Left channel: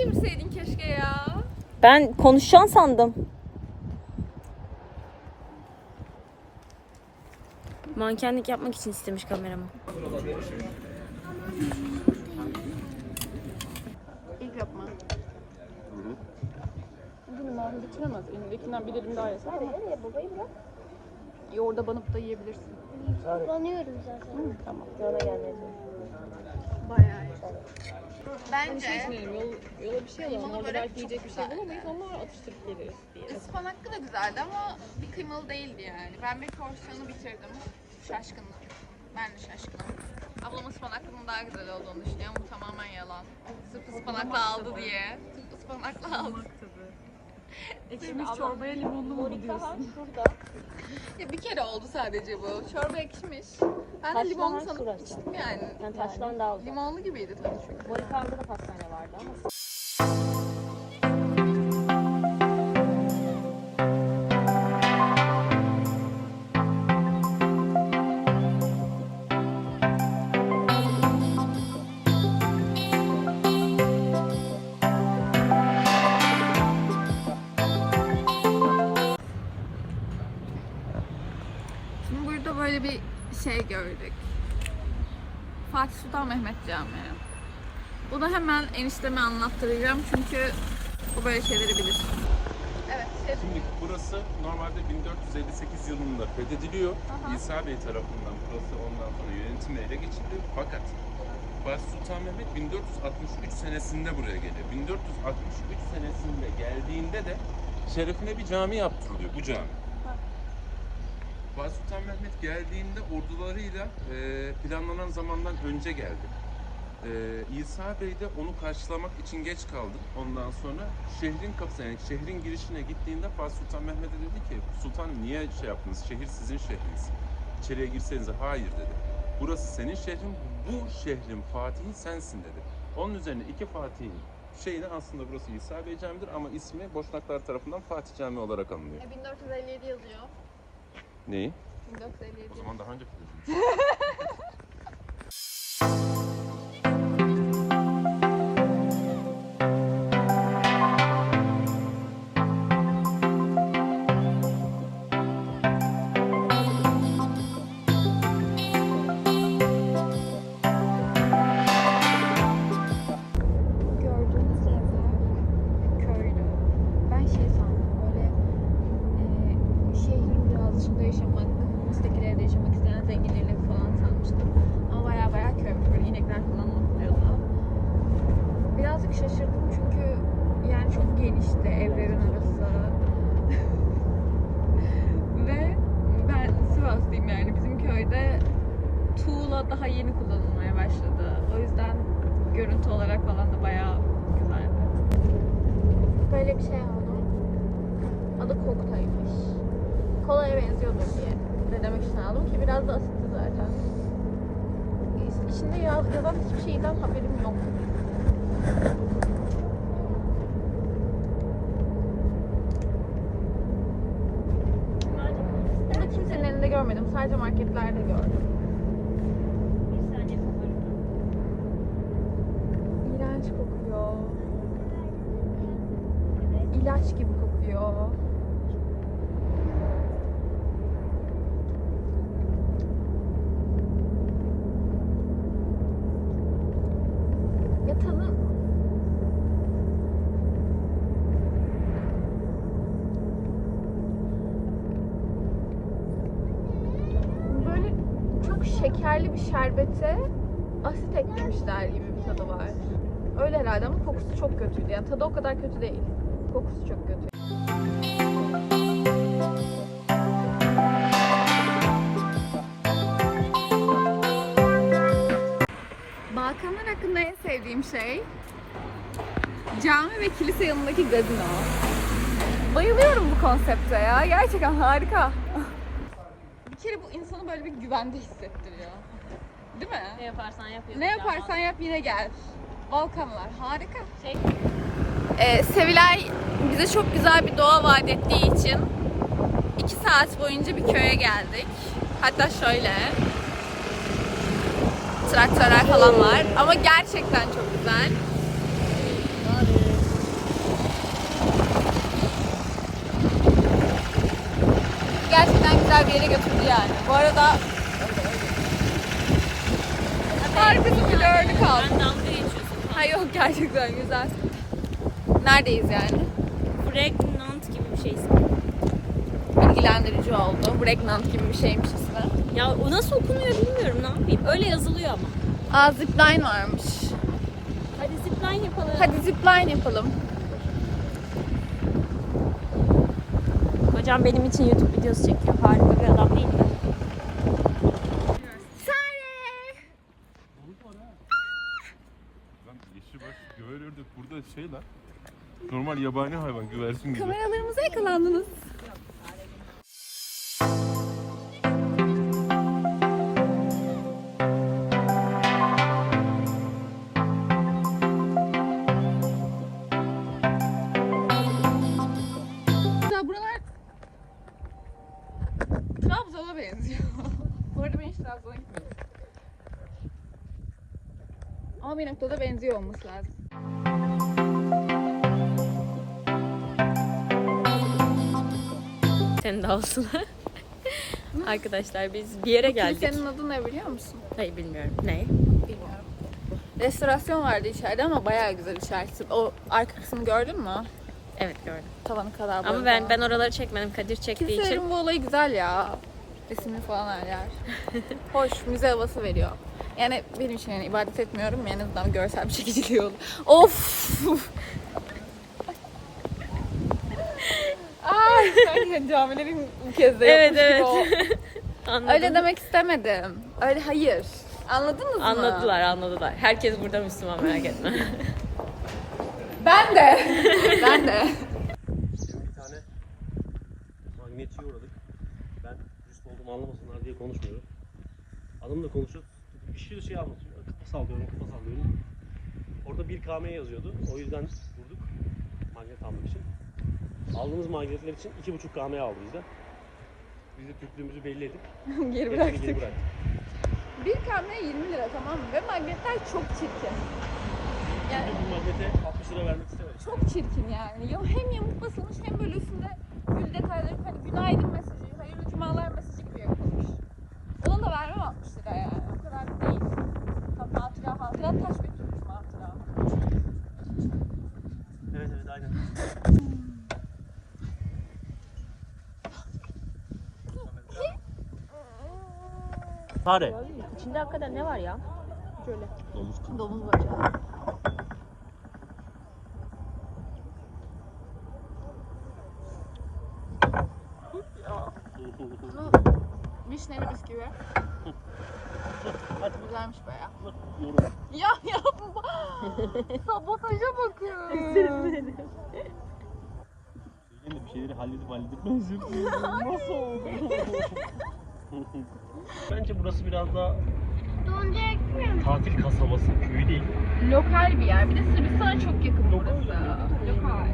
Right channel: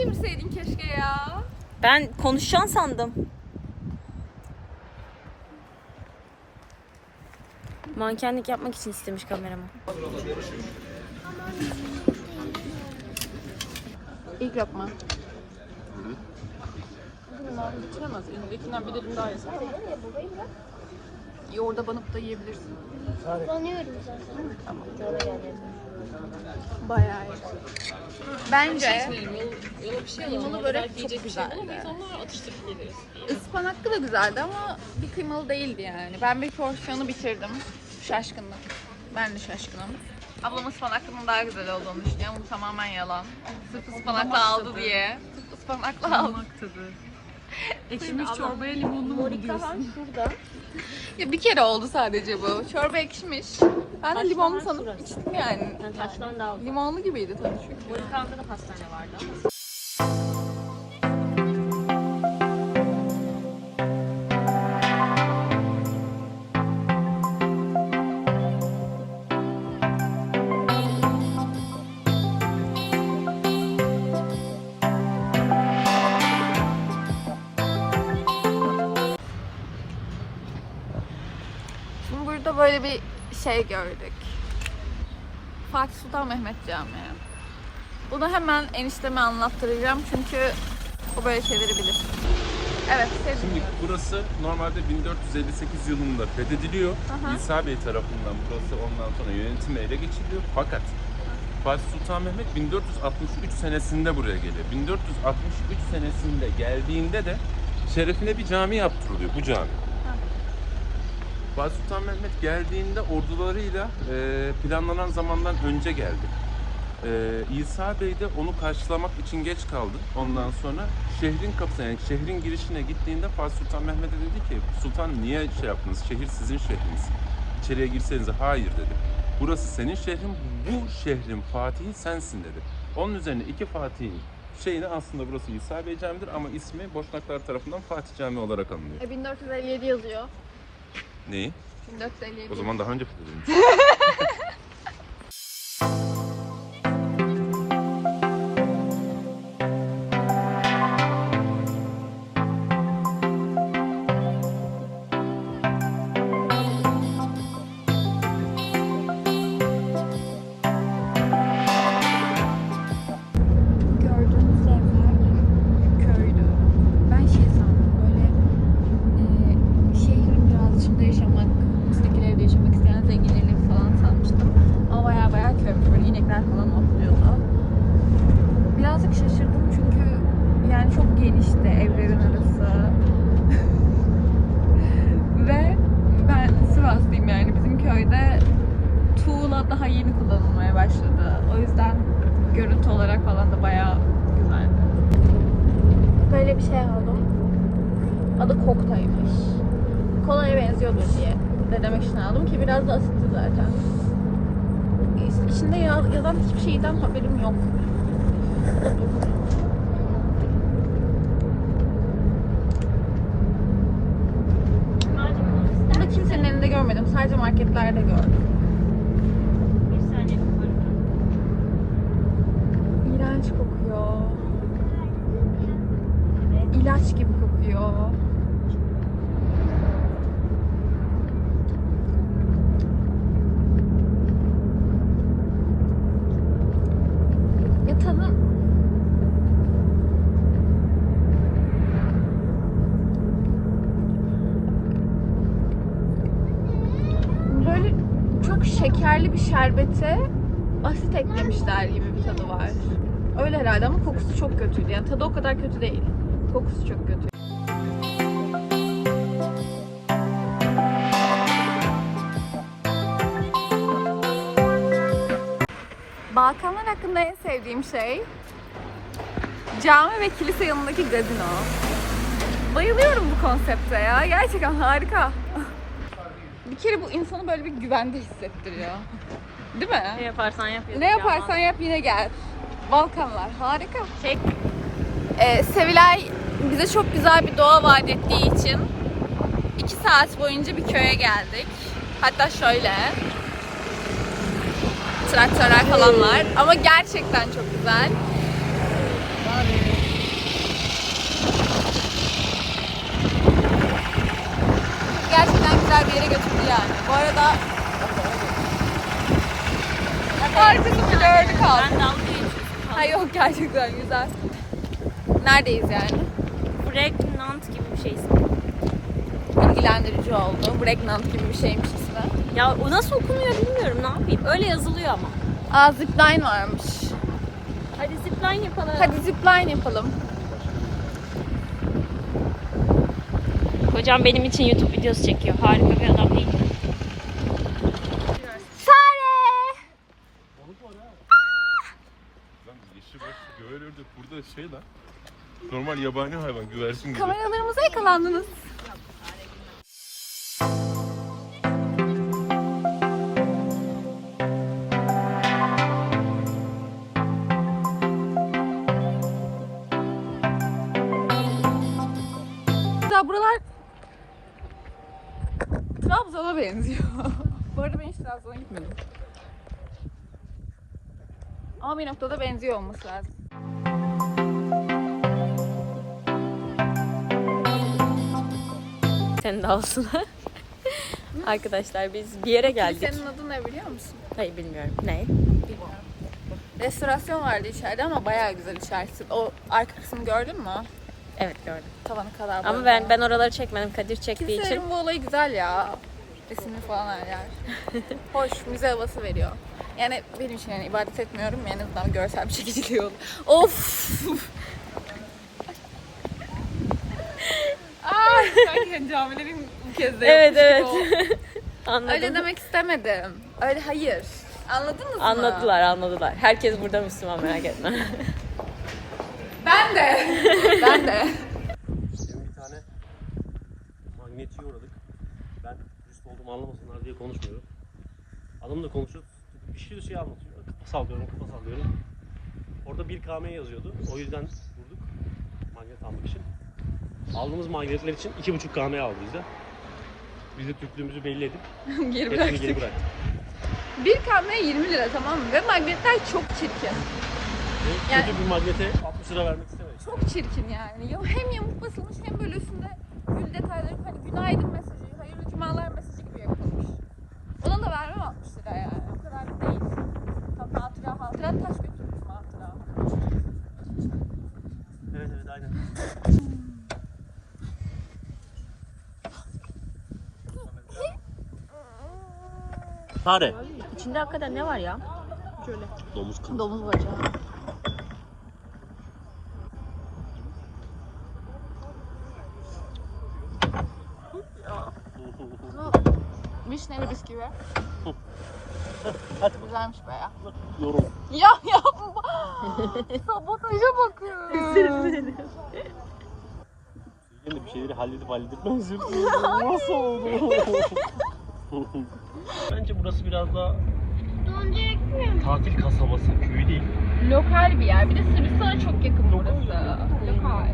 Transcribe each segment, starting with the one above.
çevirseydin keşke ya. Ben konuşacağım sandım. Mankenlik yapmak için istemiş kameramı. İlk lokma. Yoğurda banıp da yiyebilirsin. Kullanıyorum zaten. Bayağı iyi. Bence kıymalı börek çok güzeldi. Ispanaklı da güzeldi ama bir kıymalı değildi yani. Ben bir porsiyonu bitirdim. Şaşkındım. Ben de şaşkınım. Ablam ıspanaklı'nın daha güzel olduğunu düşünüyor. Bu tamamen yalan. Sırf ıspanaklı aldı diye. Sırf ıspanaklı aldı. Ekşimiş çorbaya limonlu mu gidiyorsun? Ya bir kere oldu sadece bu. Çorba ekşimiş. Ben de limonlu sanıp içtim yani. Taştan daha Limonlu gibiydi tadı çünkü. Yukarıda da pastane vardı. Şimdi böyle bir şey gördük. Fatih Sultan Mehmet Camii. Bunu hemen enişteme anlattıracağım çünkü o böyle şeyleri bilir. Evet, sevdim. Şimdi burası normalde 1458 yılında fethediliyor. İsa Bey tarafından burası ondan sonra yönetime ele geçiriliyor. Fakat Fatih Sultan Mehmet 1463 senesinde buraya geliyor. 1463 senesinde geldiğinde de şerefine bir cami yaptırılıyor bu cami. Fatih Sultan Mehmet geldiğinde ordularıyla e, planlanan zamandan önce geldi. Ee, İsa Bey de onu karşılamak için geç kaldı. Ondan sonra şehrin kapısına yani şehrin girişine gittiğinde Fatih Sultan Mehmet'e dedi ki Sultan niye şey yaptınız? Şehir sizin şehriniz. İçeriye girsenize hayır dedi. Burası senin şehrin, bu şehrin Fatihi sensin dedi. Onun üzerine iki Fatih'in şeyini aslında burası İsa Bey Camii'dir ama ismi Boşnaklar tarafından Fatih Camii olarak anılıyor. E, 1457 yazıyor. Neyi? 1457. O zaman daha önce fethedilmiş. Köyde tuğla daha yeni kullanılmaya başladı. O yüzden görüntü olarak falan da bayağı güzeldi. Böyle bir şey aldım. Adı koktaymış. Kolaya benziyordur diye de demek için aldım ki biraz da asitli zaten. İç- İçinde yaz- yazan hiçbir şeyden haberim yok. Görmedim. Sadece marketlerde gördüm. İğrenç kokuyor. İlaç gibi kokuyor. Ya tadı... Böyle çok bir şerbete asit eklemişler gibi bir tadı var. Öyle herhalde ama kokusu çok kötüydü. Yani tadı o kadar kötü değil. Kokusu çok kötü. Balkanlar hakkında en sevdiğim şey cami ve kilise yanındaki gazino. Bayılıyorum bu konsepte ya. Gerçekten harika. Bir kere bu insanı böyle bir güvende hissettiriyor. Değil mi? Ne yaparsan yap. Ne yaparsan yap yine gel. Balkanlar harika. Ee, Sevilay bize çok güzel bir doğa vaat ettiği için iki saat boyunca bir köye geldik. Hatta şöyle. Traktörler falan var ama gerçekten çok güzel. Güzel bir yere götürdü yani. Bu arada arkası blurlı kaldı. Ha yok gerçekten güzel. Neredeyiz yani? Pregnant gibi bir şeysin. Bilgilendirici oldu. Pregnant gibi bir şeymiş ismi. Ya o nasıl okunuyor bilmiyorum ne yapayım. Öyle yazılıyor ama. Aa zipline varmış. Hadi zipline yapalım. Hadi zipline yapalım. Kocam benim için YouTube videosu çekiyor. Harika bir adam değil. mi? Burada şey lan. Normal yabani hayvan güvercin gibi. Kameralarımıza yakalandınız. Trabzon'a benziyor. Bu arada ben hiç Trabzon'a gitmedim. Ama bir noktada benziyor olması lazım. Senin de olsun. Arkadaşlar biz bir yere geldik. Senin adın ne biliyor musun? Hayır bilmiyorum. Ne? Restorasyon vardı içeride ama bayağı güzel içerisi. O arka kısmını gördün mü? Evet gördüm. Tavanı kadar Ama ben ben oraları çekmedim. Kadir çektiği için. Kimselerin bu olayı güzel ya. Resimli falan her yer. Hoş, müze havası veriyor. Yani benim için yani ibadet etmiyorum. En azından görsel bir çekiciliği olur. Of! Ay, camilerin bu kez de Evet yapmış evet. gibi oldu. Anladım. Öyle demek istemedim. Öyle hayır. Anladınız mı? Anladılar anladılar. Herkes burada Müslüman merak etme. Ben de. ben de. Şimdi bir tane magnetçiye uğradık. Ben turist olduğumu anlamasınlar diye konuşmuyorum. Adamla konuşuyoruz. Bir sürü şey anlatıyor. Kafa sallıyorum, kafa sallıyorum. Orada 1 km yazıyordu. O yüzden durduk. Magnet almak için. Aldığımız magnetler için 2,5 km aldı bizde. Biz de Türklüğümüzü belli edip Geri hepsini geri bıraktık. Bir kamera 20 lira tamam mı? Ve magnetler çok çirkin. Yani- Kötü bir magnete 60 lira vermek istemedik. Çok çirkin yani. Ya hem yamuk basılmış hem böyle üstünde gül detayları hani günaydın mesajı, hayırlı cumalar mesajı gibi yapılmış. Ona da vermem 60 lira yani. O kadar da değil. Tam hatıra hatıra taş götürmüş hatıra. Evet evet aynen. Fare. İçinde hakikaten ne var ya? Domuz kanı. Domuz bacağı. Vişneli bisküvi. Hadi Güzelmiş baya. yorum. Ya yapma. Sabotaja bakın. Yine de bir şeyleri halledip halledip benziyor. Nasıl oldu? Bence burası biraz daha tatil kasabası, köy değil. Lokal bir yer. Bir de Sırbistan'a çok yakın burası. Lokal.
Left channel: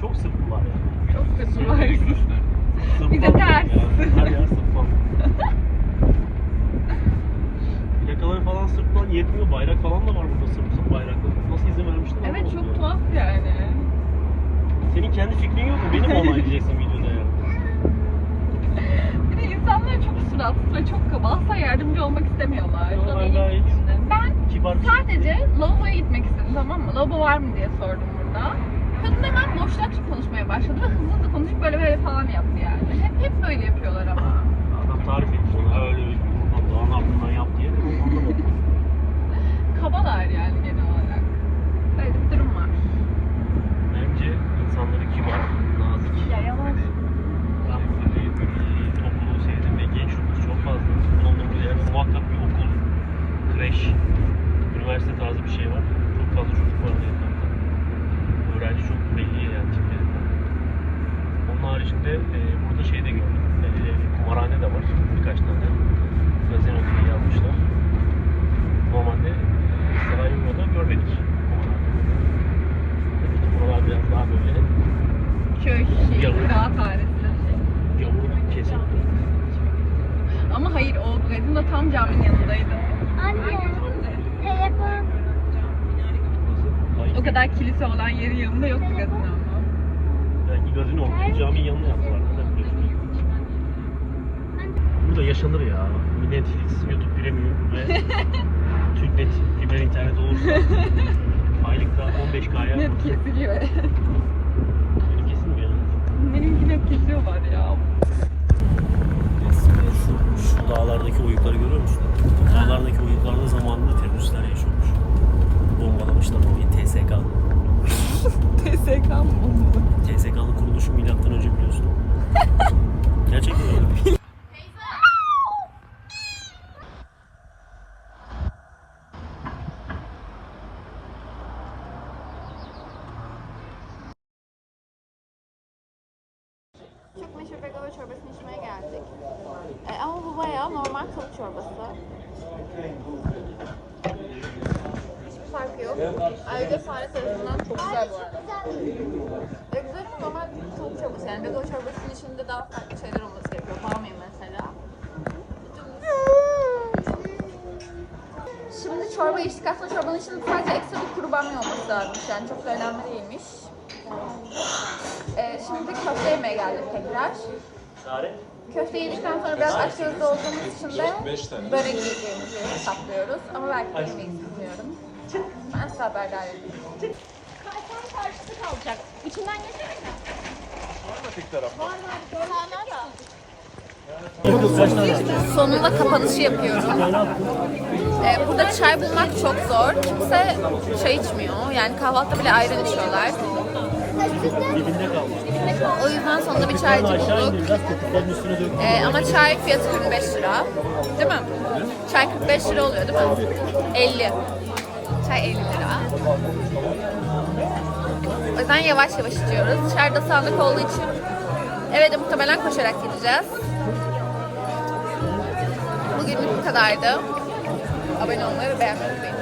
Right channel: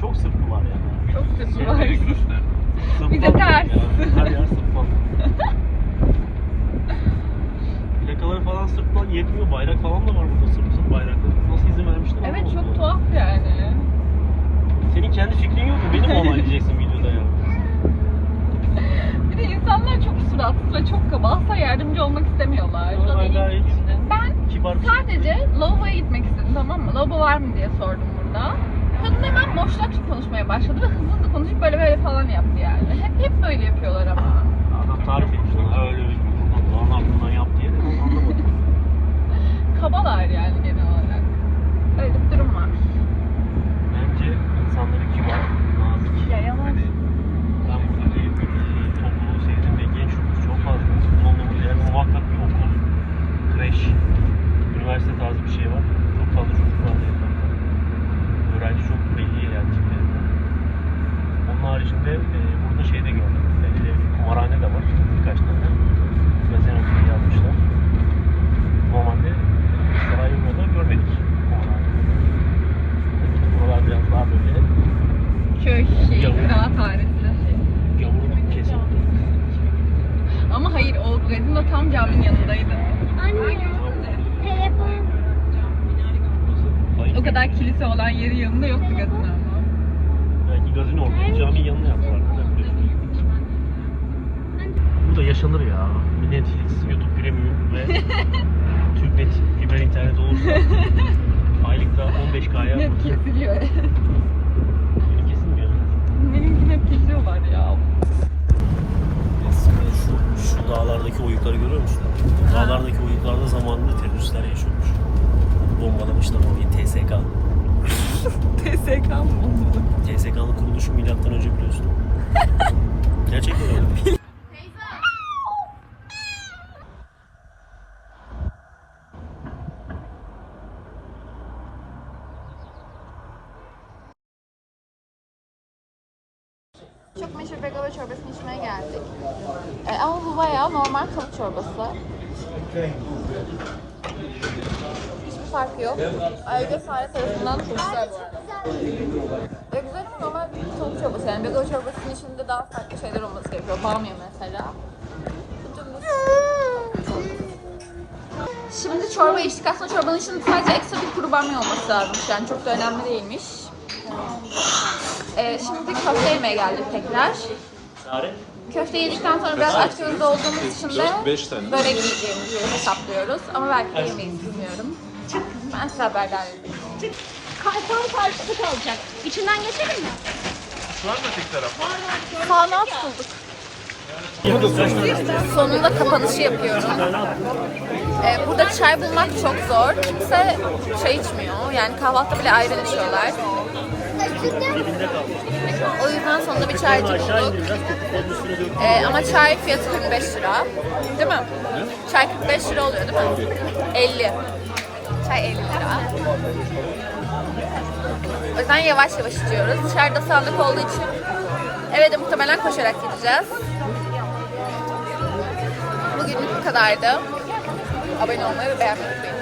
Çok sırtlı var ya. Çok sırpı var. Bir de ters. Her yer sırtlan. Plakaları falan sırtlan yetmiyor. Bayrak falan da var burada sırtlan bayrakları. Nasıl vermişler? Evet çok ya. tuhaf yani. Senin kendi fikrin yok mu? Beni mi onaylayacaksın videoda ya? Bir de insanlar çok suratsız ve çok kaba. Asla yardımcı olmak istemiyorlar. Ama ben gayet Ben kibar şey. sadece lavaboya gitmek istedim tamam mı? Lavabo var mı diye sordum burada. Kadın hemen boşlukça konuşmaya başladı ve hızlı hızlı konuşup böyle böyle falan yaptı yani. Hep, hep böyle yapıyorlar ama. Adam tarif etmiş ona öyle buradan doğan aklından yap diye de onu anlamadım. Kabalar yani genel olarak. Öyle bir durum var. Bence insanları kibar, nazik. Ya yanlış. Ben buradaki e, topluluğu sevdim ve genç nüfus çok fazla. Bulunduğumuz yerde muhakkak bir okul, kreş, üniversite tarzı bir şey var. Çok fazla çocuk var bu etrafta. Öğrenci çok belli yani tiplerinden. Onun haricinde e, burada şey de gördüm. E, kumarhane de var. Birkaç tane. Gazino gibi yazmışlar. Normalde e, Sarajevo'da görmedik kumarhane. Demek ki buralar biraz daha böyle Köy, şehir, Yavrum. kıraathanesi. yavru bir kesim. Ama hayır o gazino tam caminin yanındaydı. Anne, telefon. Hayır. O kadar kilise olan yerin yanında yoktu gazino gazino oldu. Caminin yanına yaptılar. Neden biliyorsunuz? Bu da yaşanır ya. Netflix, YouTube Premium ve Türknet fiber internet olursa aylıkta 15K'ya Kesiliyor. Çok meşhur begava çorbasını içmeye geldik. Ee, ama bu bayağı normal tavuk çorbası. Hiçbir farkı yok. Ayrıca sahne tarafından çok güzel bu arada. Ve güzel bir normal tavuk çorbası yani. Begava çorbasının içinde daha farklı şeyler olması gerekiyor. Bamya mesela. Şimdi çorba içtik. Aslında çorbanın içinde sadece ekstra bir kuru bamya olması lazımmış. Yani çok da önemli değilmiş. Ee, şimdi köfte yemeye geldik tekrar. Köfte yedikten sonra biraz aç gözlü olduğumuz için de börek yiyeceğimizi hesaplıyoruz. Ama belki de yemeyiz bilmiyorum. Ben size haberdar edeyim. Kartal karşısı kalacak. İçinden geçelim mi? Sağlığa tutulduk. Sonunda kapanışı yapıyorum. Ee, burada çay bulmak çok zor. Kimse çay içmiyor. Yani kahvaltıda bile ayran içiyorlar. O yüzden sonunda bir çaycı bulduk. Ee, ama çay fiyatı 45 lira. Değil mi? Çay 45 lira oluyor değil mi? 50. Çay 50 lira. O yüzden yavaş yavaş içiyoruz. Dışarıda sandık olduğu için eve de muhtemelen koşarak gideceğiz. Bugünlük bu kadardı. Abone olmayı ve beğenmeyi unutmayın.